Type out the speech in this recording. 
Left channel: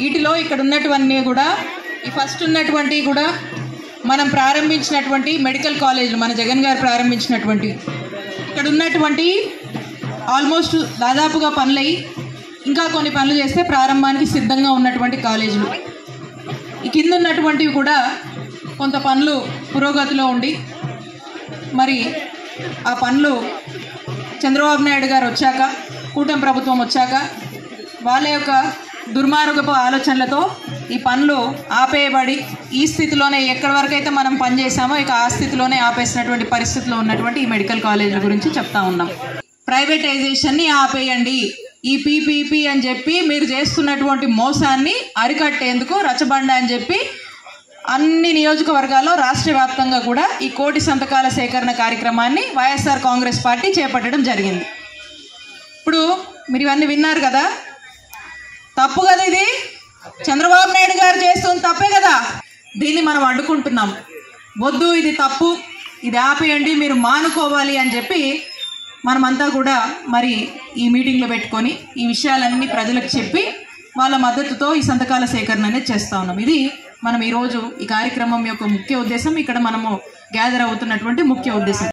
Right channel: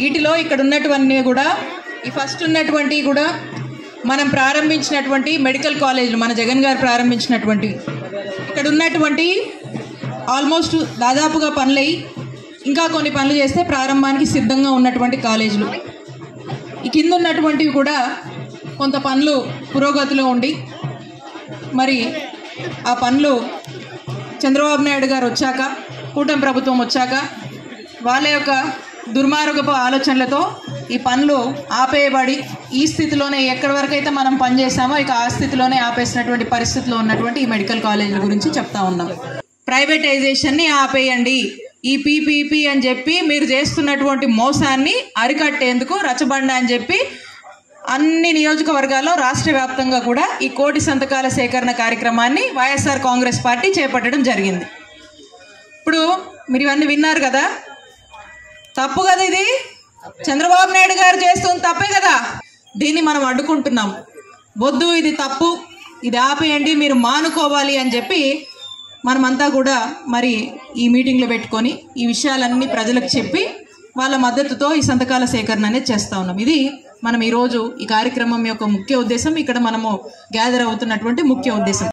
వీటిలో ఇక్కడ ఉన్నటువన్నీ కూడా ఈ ఫస్ట్ ఉన్నటువంటి కూడా మనం ప్రారంభించినటువంటి మెడికల్ కాలేజీలు మన జగన్ గారు ప్రారంభించినటువంటి ఇక్కడ ఉన్నటువంటి ఆల్మోస్ట్ దాదాపుగా పనులై ఇంకా కొన్ని పనులు చేస్తే ప్రారంభానికి సిద్ధంగా ఉన్నటువంటి కాలేజీలు. ఈ కింద ఉన్నటువంటివి కూడా కొంత పనులు పురోగతిలో ఉండి మరి ఆ పనులు చంద్రబాబు నాయుడు గారు వచ్చాక కూటమి ప్రభుత్వం వచ్చాక వాళ్ళ యొక్క దుర్మార్గపు ఆలోచనలతో ఈ పనులు ఆపేయబడి ఈ స్థితిలోనే ఎక్కడి వరకైతే మనం పనిచేసామో ఇక ఆ స్థితిలోనే ఆపేసినటువంటి పరిస్థితిలో ఉన్నటువంటి ఈ మెడికల్ కాలేజీల గురించి చెప్తా ఉన్నాం. ప్రైవేటైజేషన్ని ఆపేయండి, ఈ పీపీపీ అని చెప్పి మీరు చేస్తున్నటువంటి మోసాన్ని అరికట్టేందుకు రచ్చబండ అని చెప్పి అన్ని నియోజకవర్గాల్లో రాష్ట్ర వ్యాప్తంగా కూడా ఈ 1 కోటి సంతకాల సేకరణ కార్యక్రమాన్ని వైఎస్ఆర్ కాంగ్రెస్ పార్టీ చేపట్టడం జరిగింది. ఇప్పుడు మీరు ఇవన్నీ విన్నారు కదా, తప్పు కదా, ఇది చంద్రబాబు నాయుడు గారు చేస్తుంది తప్పే కదా. దీన్ని మనం అడ్డుకుంటున్నాం. వద్దు, ఇది తప్పు, ఇది ఆపేయండి, మీరు మానుకోవాలి అని చెప్పి మనమంతా కూడా మరి ఈ మీటింగ్లో పెట్టుకొని ఈ విషయాలన్నీ ప్రజలకు చెప్పి వాళ్ళ మద్దతుతో ఈ సంతకాల సేకరణ అనేది చేస్తూ ఉన్నాం. ఇది మనం ఈరోజు ఈ కార్యక్రమం యొక్క ముఖ్య ఉద్దేశం, ఇక్కడ మనము గ్యాదర్ అవుతున్నటువంటి ముఖ్య ఉద్దేశం.